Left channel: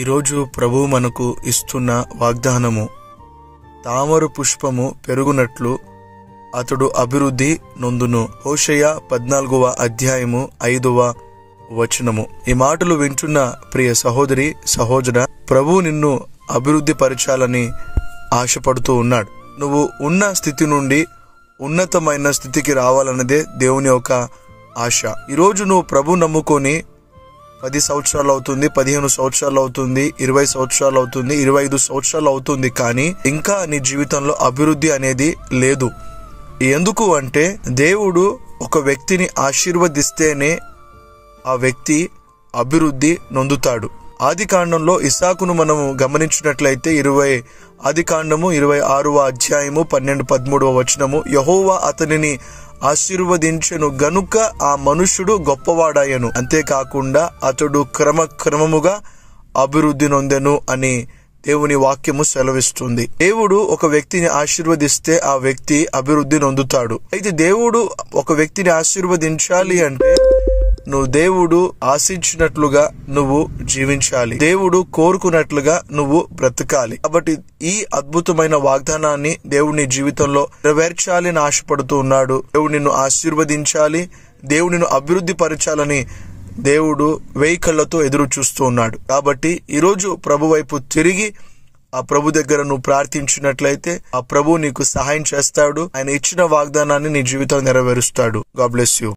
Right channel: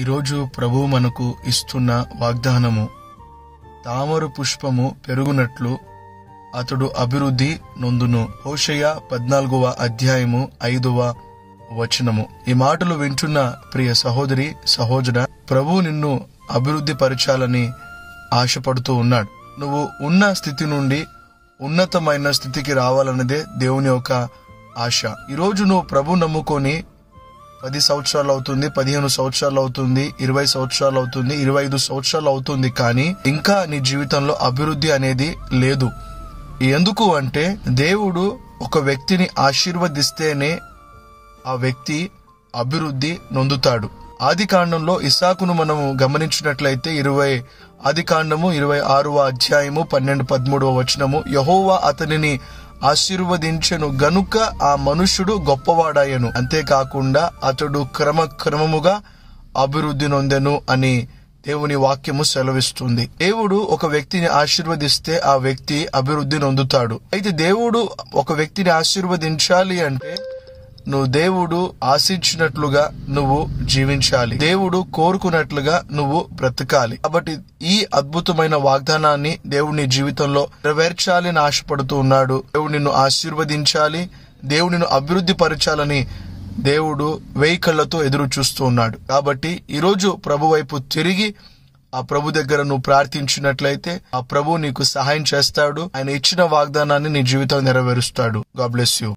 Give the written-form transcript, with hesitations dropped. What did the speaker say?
ఈరోజు ప్రభువు మనకు ఇస్తున్న వాగ్దానము, తామర పుష్పము పెరుగునట్లు అతడు అభివృద్ధి నొందును. హోషేయ 14వ అధ్యాయము 5వ వచనము. ఈ మాటలు వింటున్న ప్రియ సహోదరి సహోదర, ప్రభువు నిన్ను అభివృద్ధి పరచాలని ఆశపడుతూ ఉన్నాడు. నువ్వు ఉన్న స్థితి నుండి ఉన్నతమైన స్థితికి రావాలన్నదే దేవుని యొక్క ఆశ. ఈరోజు నువ్వు ప్రభు నమ్ముకొని 10 సంవత్సరాలు అవుతుంది, 15 సంవత్సరాలు అవుతుంది, 20 సంవత్సరాలు అవుతుంది, 25 సంవత్సరాలు అవుతుంది, కానీ ఇంకా నీ జీవితంలో అభివృద్ధి అనేది లేదు. ఎందుకు అంటే దేవుడు ఒక వ్యక్తిని ఆశీర్వదిస్తేనే ఆ వ్యక్తి అభివృద్ధి నొందుతాడు. ఆదికాండంలో ఇస్సాకును మనము గమనించినట్లయితే ఆదికాండము 26వ అధ్యాయము 12-13వ వచనము, యెహోవా అతనిని ఆశీర్వదించెను గనుక ఆ మనుష్యుడు గొప్పవాడాయను, అంతేకాకుండా అతడు క్రమముగా అభివృద్ధి నొందెను అని దేవుని వాక్యము సెలవిస్తుంది. దేవుడు ఒక వ్యక్తిని ఆశీర్వదిస్తే ఆ వ్యక్తి అభివృద్ధి నొందుతాడు. అయితే దేవుడు ఒక వ్యక్తిని ఆశీర్వదించాలి అంటే నువ్వు దేవుడు ఆశించినట్లుగా నువ్వు జీవించాలి, దేవుడు కోరుకున్నట్లుగా నువ్వు బ్రతకాలి. కాబట్టి ఈ అద్భుతమైన వాగ్దానాన్ని దేవుడు నీ జీవితంలో నెరవేర్చాలి అని ఆశపడుతూ ఉన్నాడు. దేవుడు నిన్ను ఆశీర్వదించాలి, దేవుడు నిన్ను అభివృద్ధి పరచాలని దేవుడు 1000 కళ్ళతో ఎదురు చూస్తూ ఉన్నాడు. కాబట్టి ఈరోజు ప్రభు వైపు తిరిగి ఆ ప్రభు దగ్గర నువ్వు ప్రార్థించినట్లయితే ఆ ప్రభు నీకు సహాయం చేస్తాడు. ఆయన ఇచ్చిన వాగ్దానాన్ని నీ జీవితంలో నెరవేరుస్తాడు. God bless you.